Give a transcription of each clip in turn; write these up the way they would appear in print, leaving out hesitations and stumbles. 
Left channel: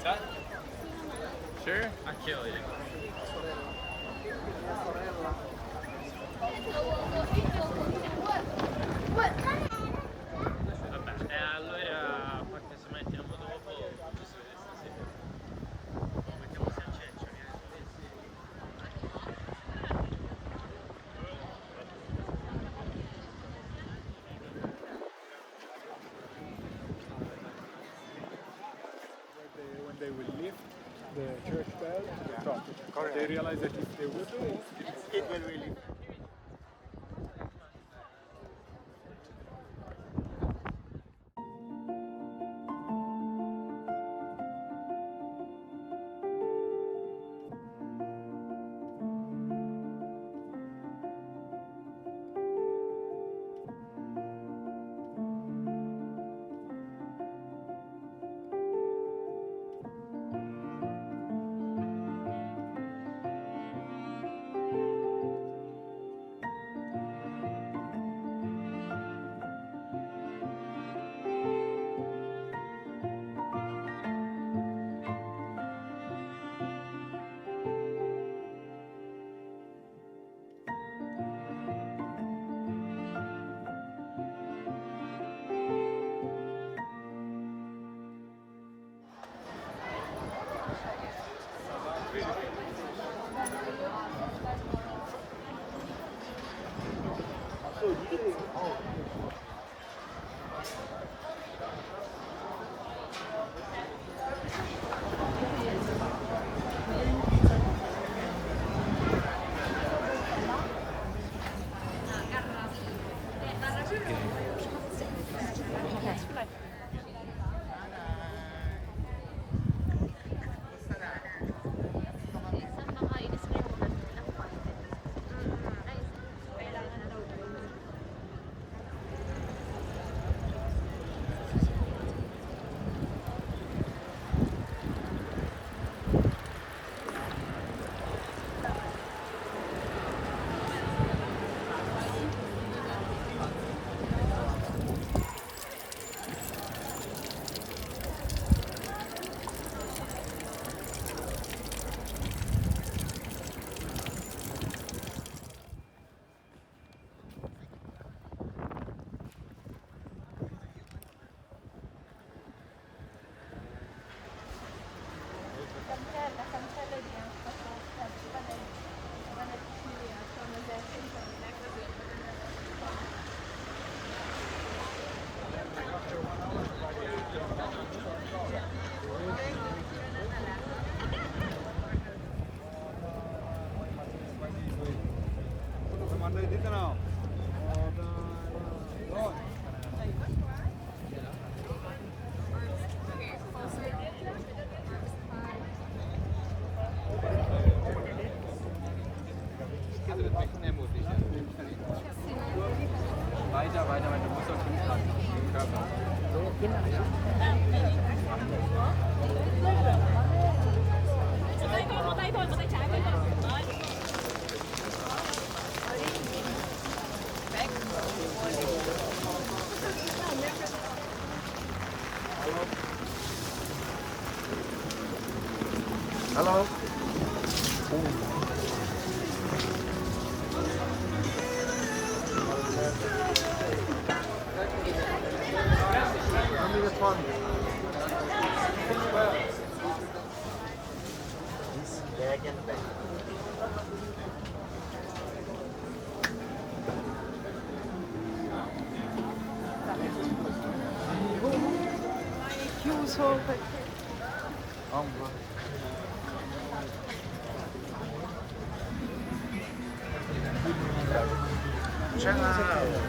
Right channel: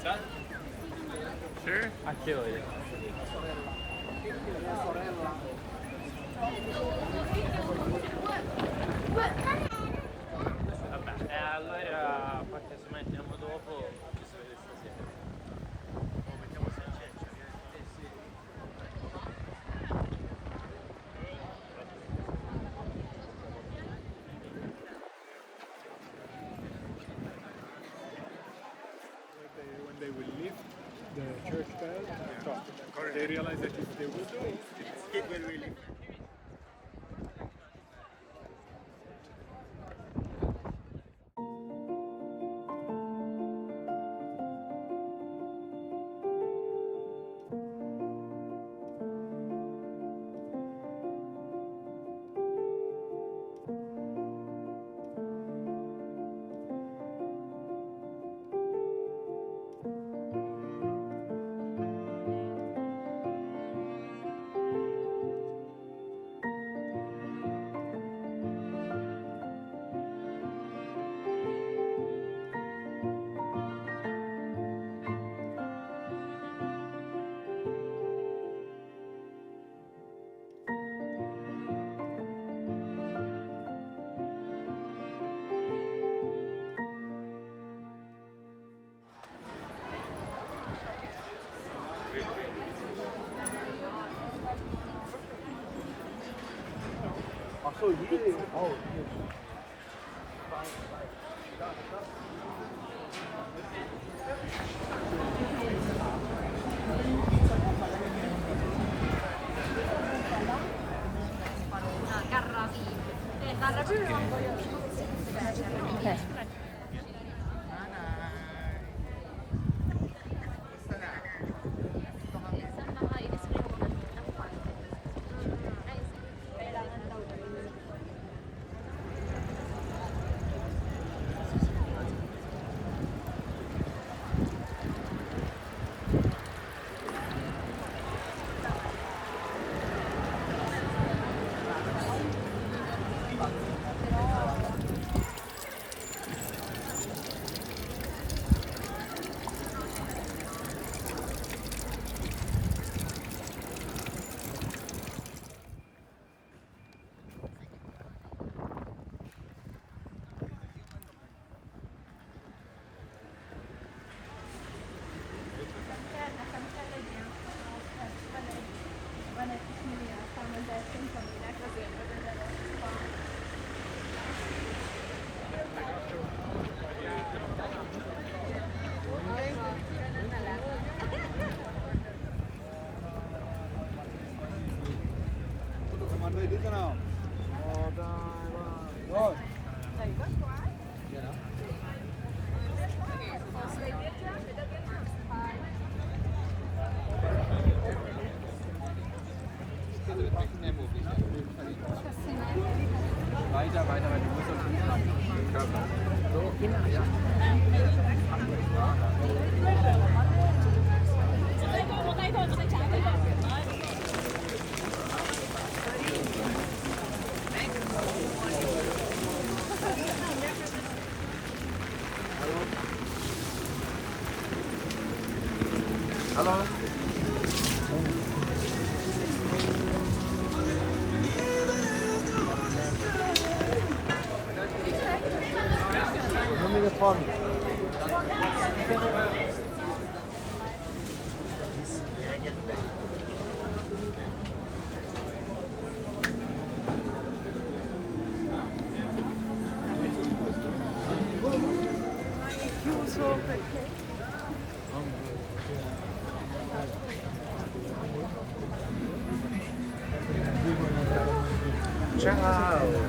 pizza? Sure? Aqui, olha. Vabbè, allora perché si mette il dopo mettiamo salsiccia. When they will lift the church bell on the top, Correct. they realize that if they would do it, It will really. Mandai dito na. Oh. Weiter, weiter, weiter. Du musst uns hintragen. Körper. Hello.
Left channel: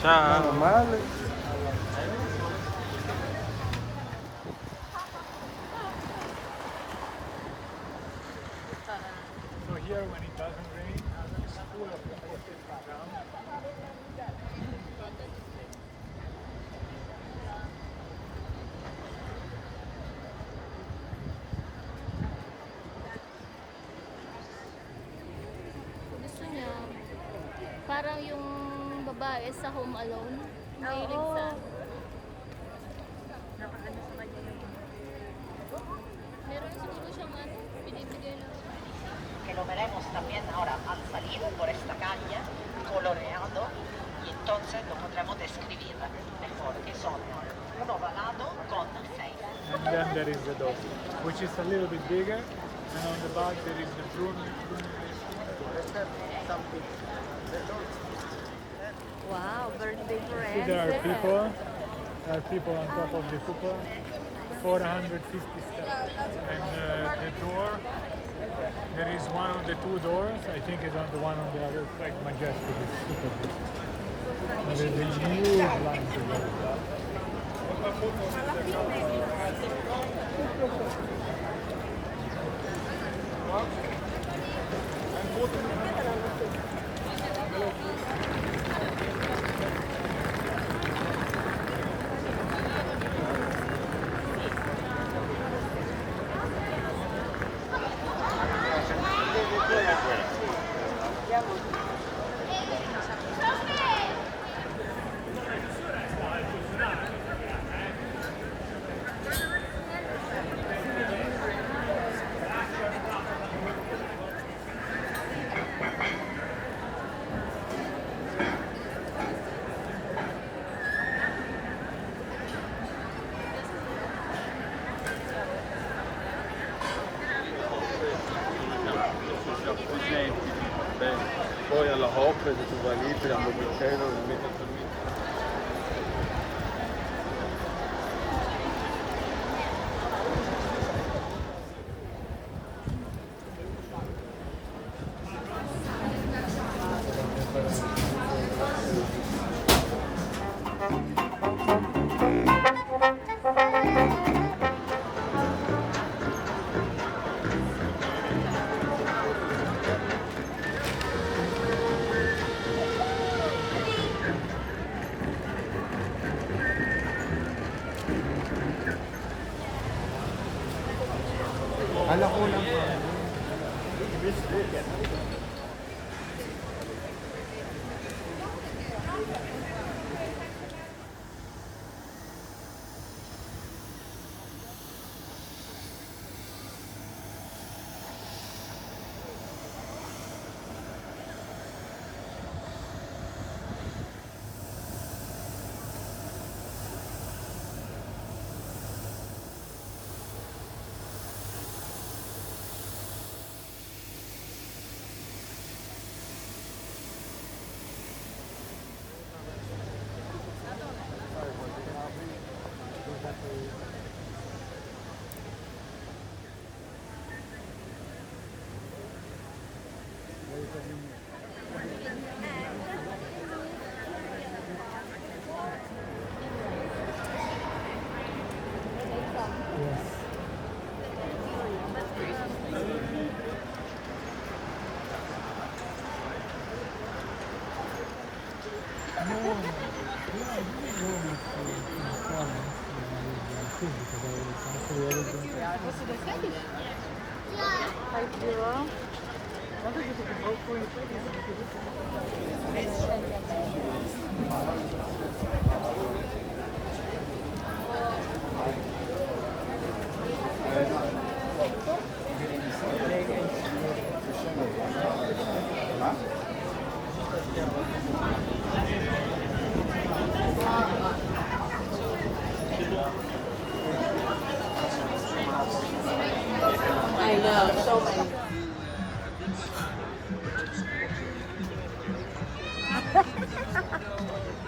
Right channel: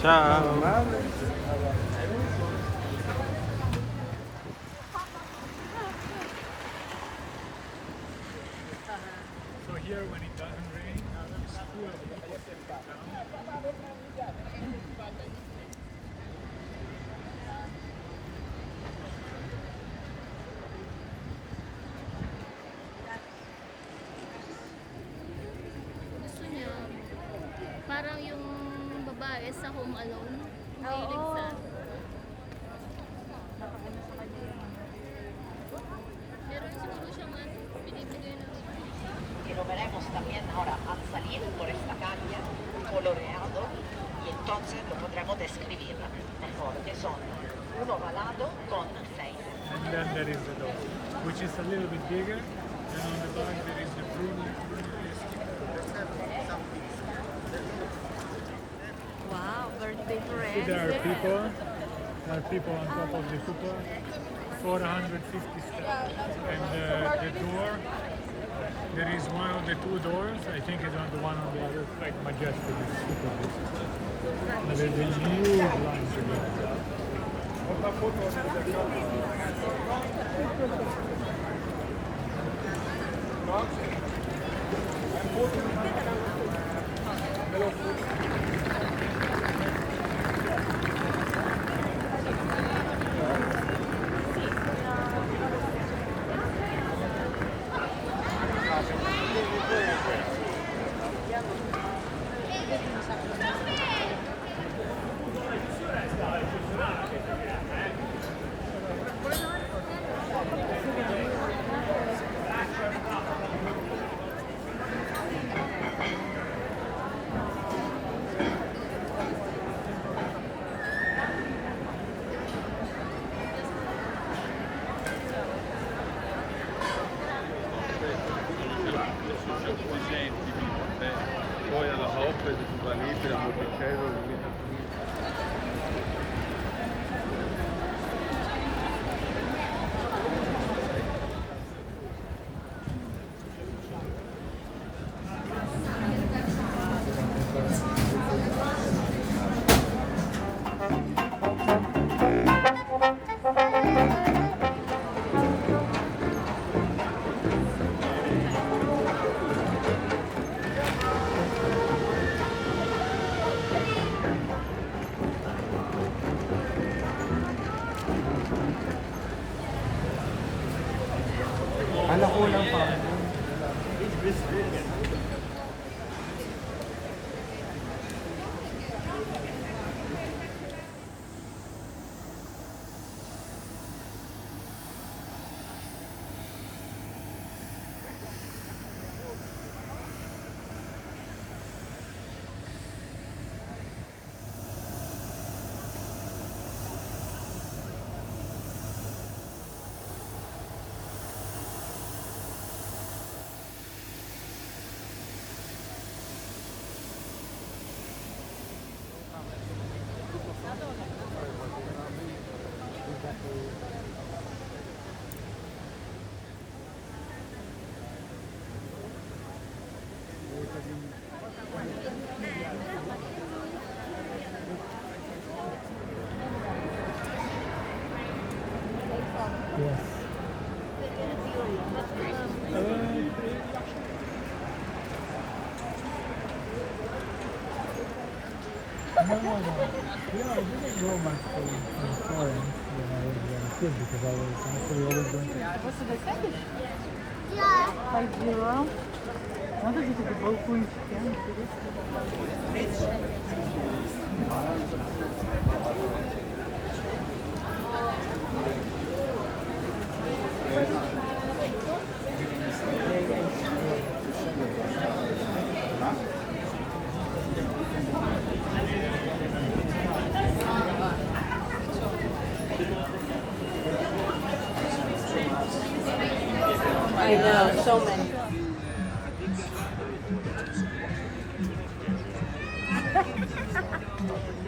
Ciao. So here when it doesn't rain, it's full of Gusto niya, parang yung babae sa Home Alone, mahilig sa meron lo veremos también ahora al salir por esta calle coloreado y entonces lo podremos describir mejor, que son un ovalado con 6. And then there is the door, which is a little bit bigger. And on the back there is the pruning. Wow, birthday See, there are people. There are people on top of the cupola. 450 steps. And the door, there is one of the two doors. I think it's on the one on the other side. Majestic. It's super big. And there's a huge line to go. Poi alla coppia di sovranità, la bloccare, non è tutto. Ala ko lang pa. Yes. No, yeah, I didn't go much from Florence when I was a kid because I was actually living.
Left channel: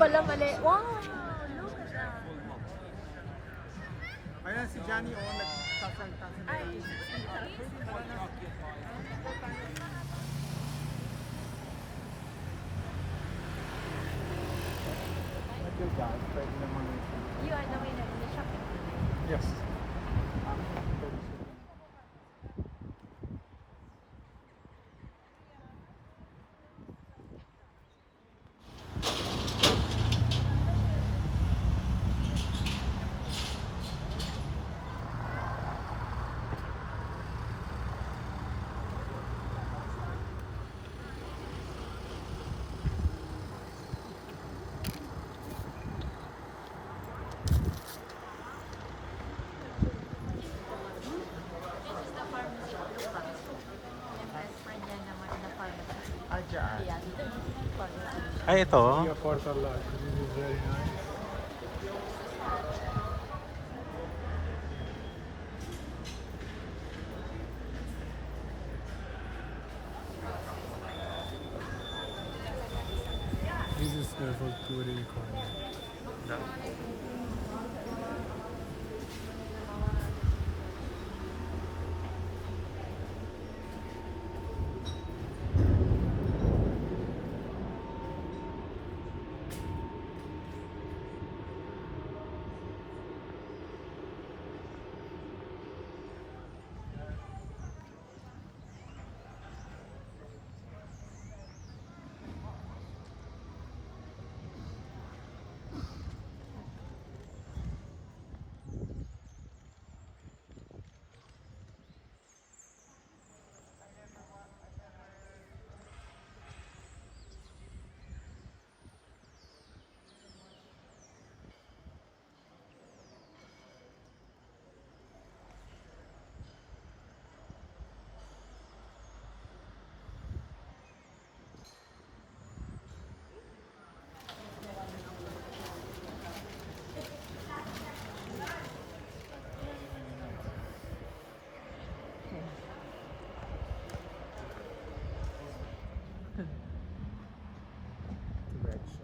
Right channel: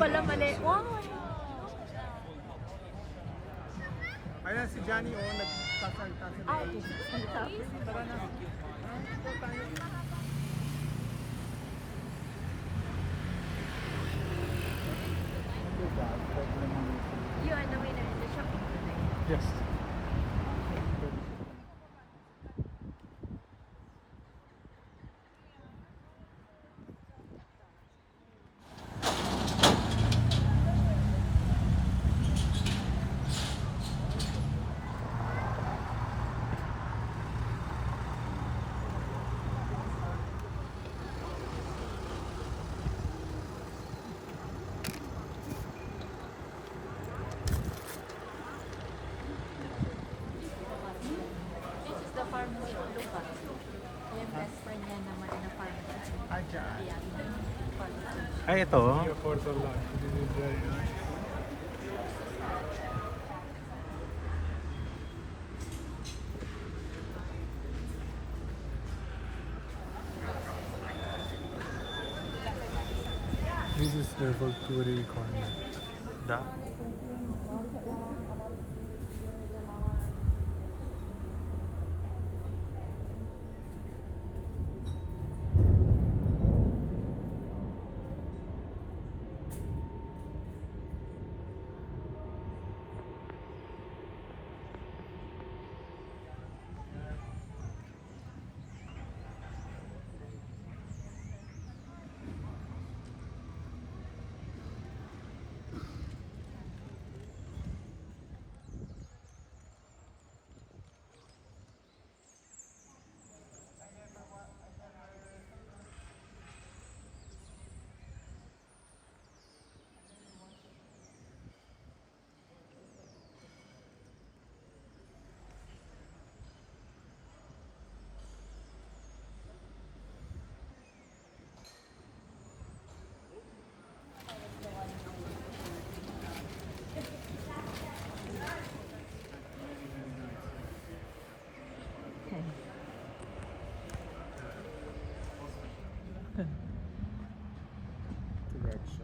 Pala mali. Wow! Ayan si Johnny o Yes. Ay, ito. Via Porta Latte. This is very nice. This is the Volturi corner. Da.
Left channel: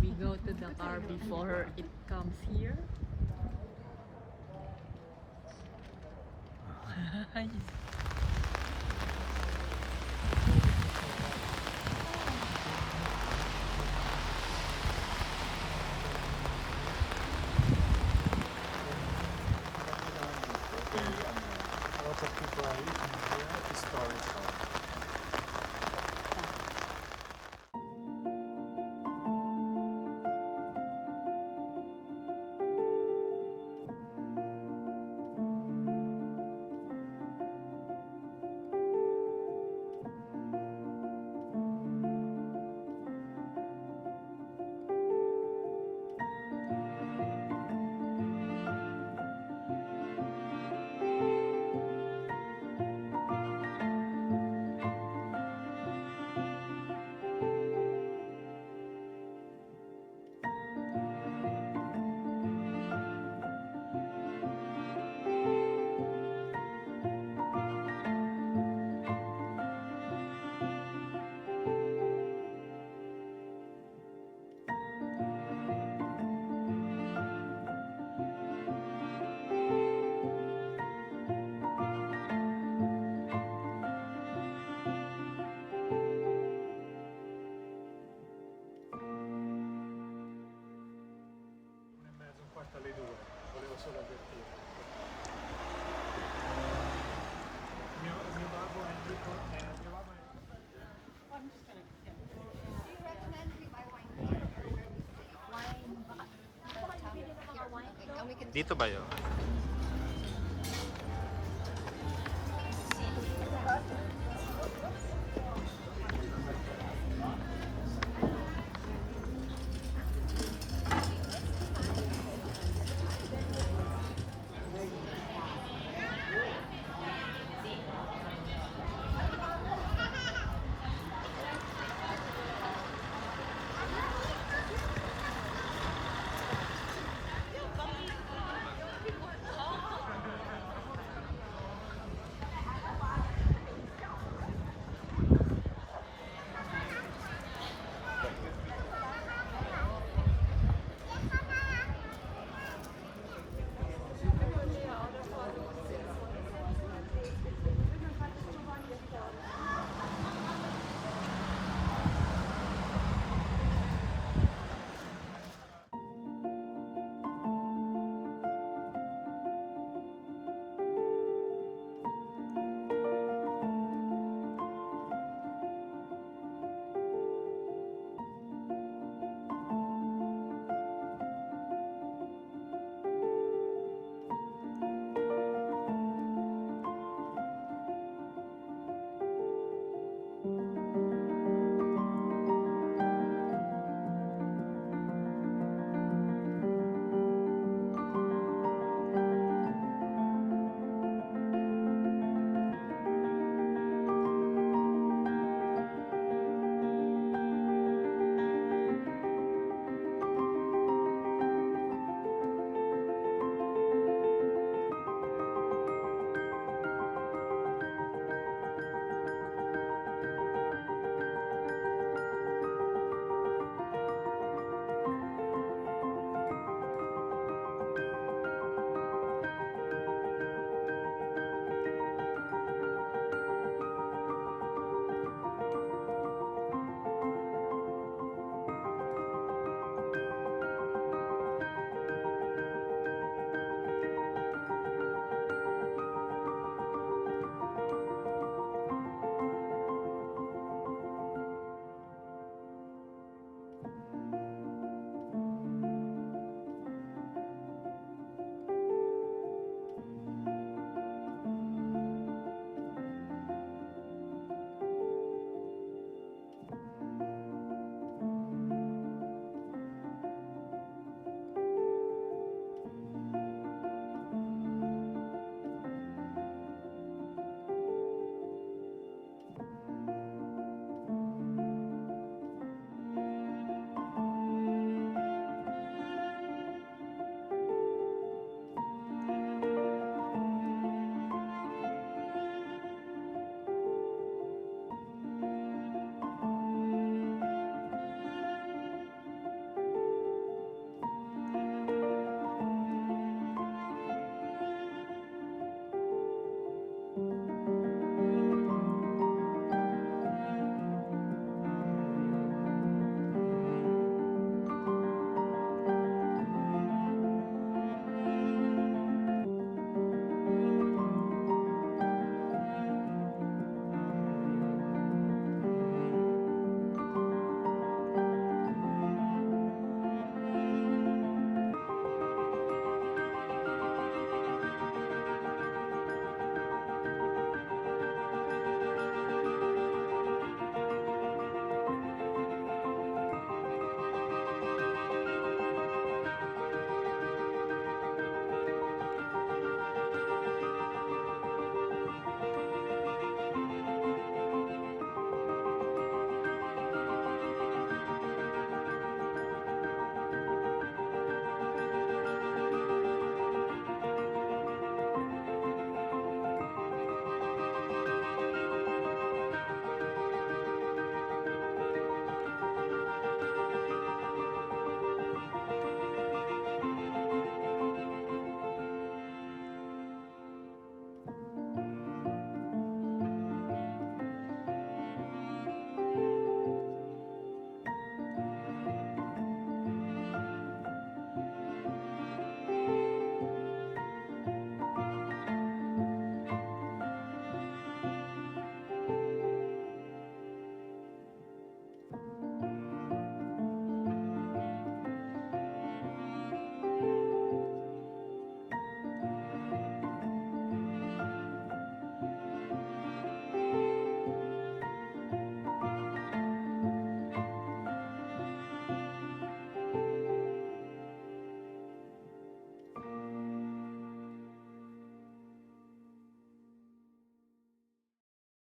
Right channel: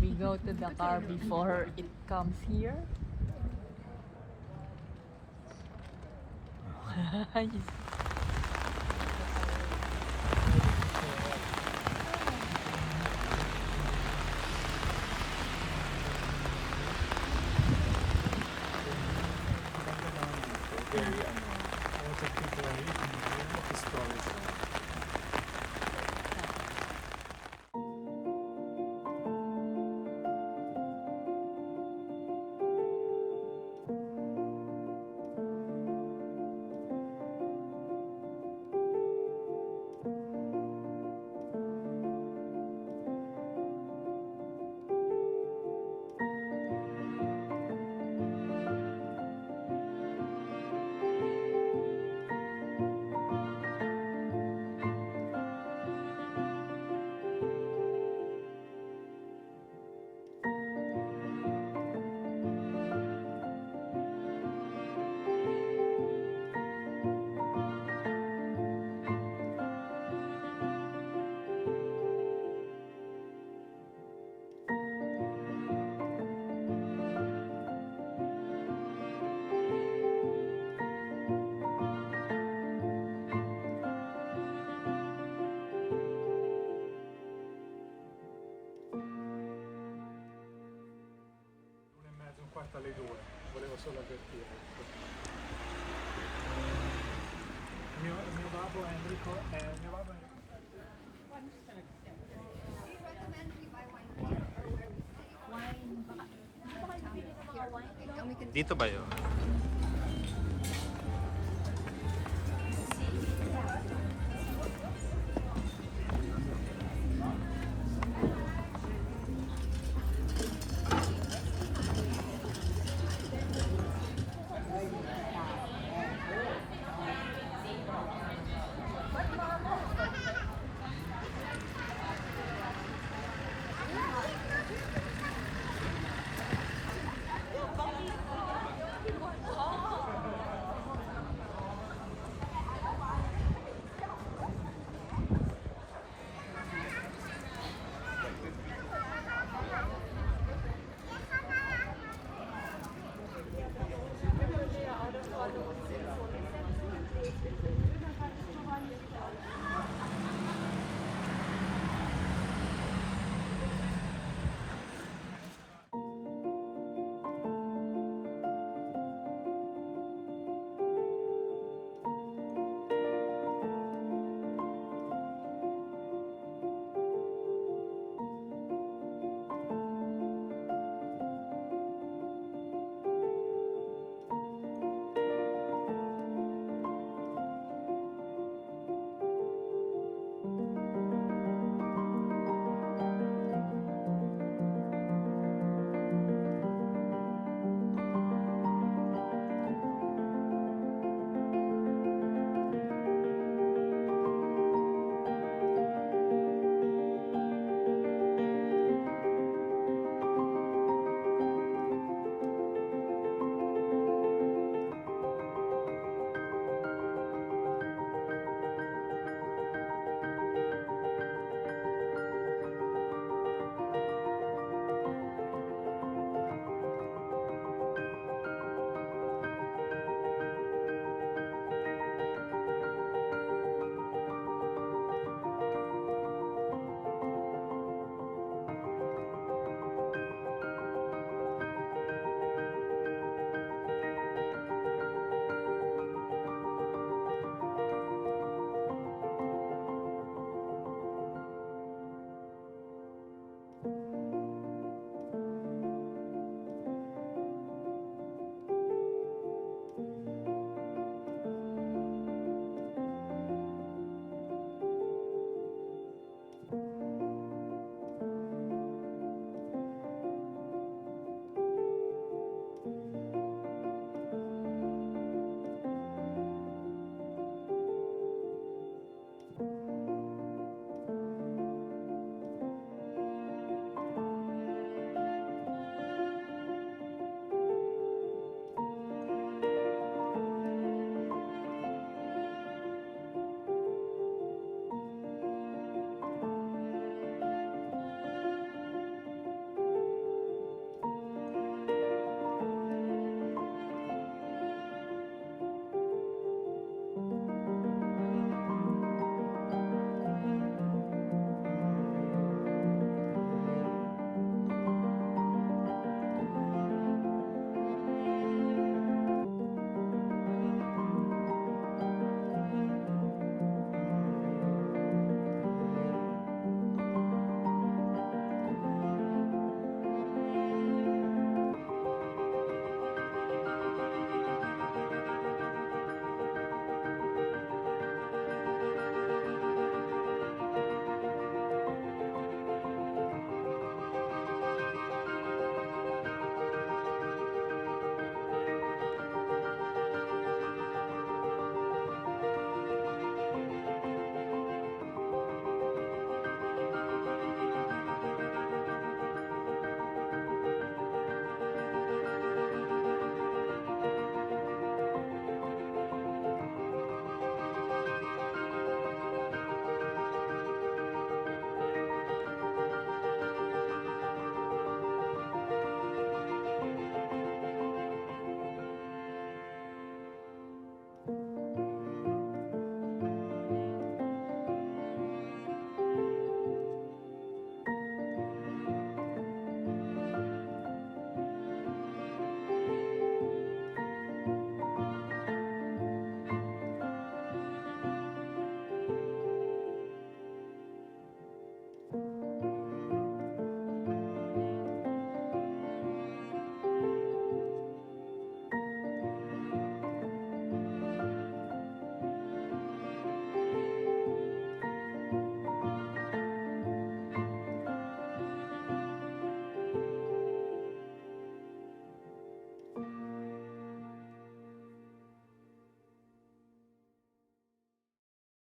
We go to the car before it comes here. A lot of people are eating here. Historical. In quarta alle 2, volevo solo avvertire. Mio babbo Enrico mio babbo Dito ba yun?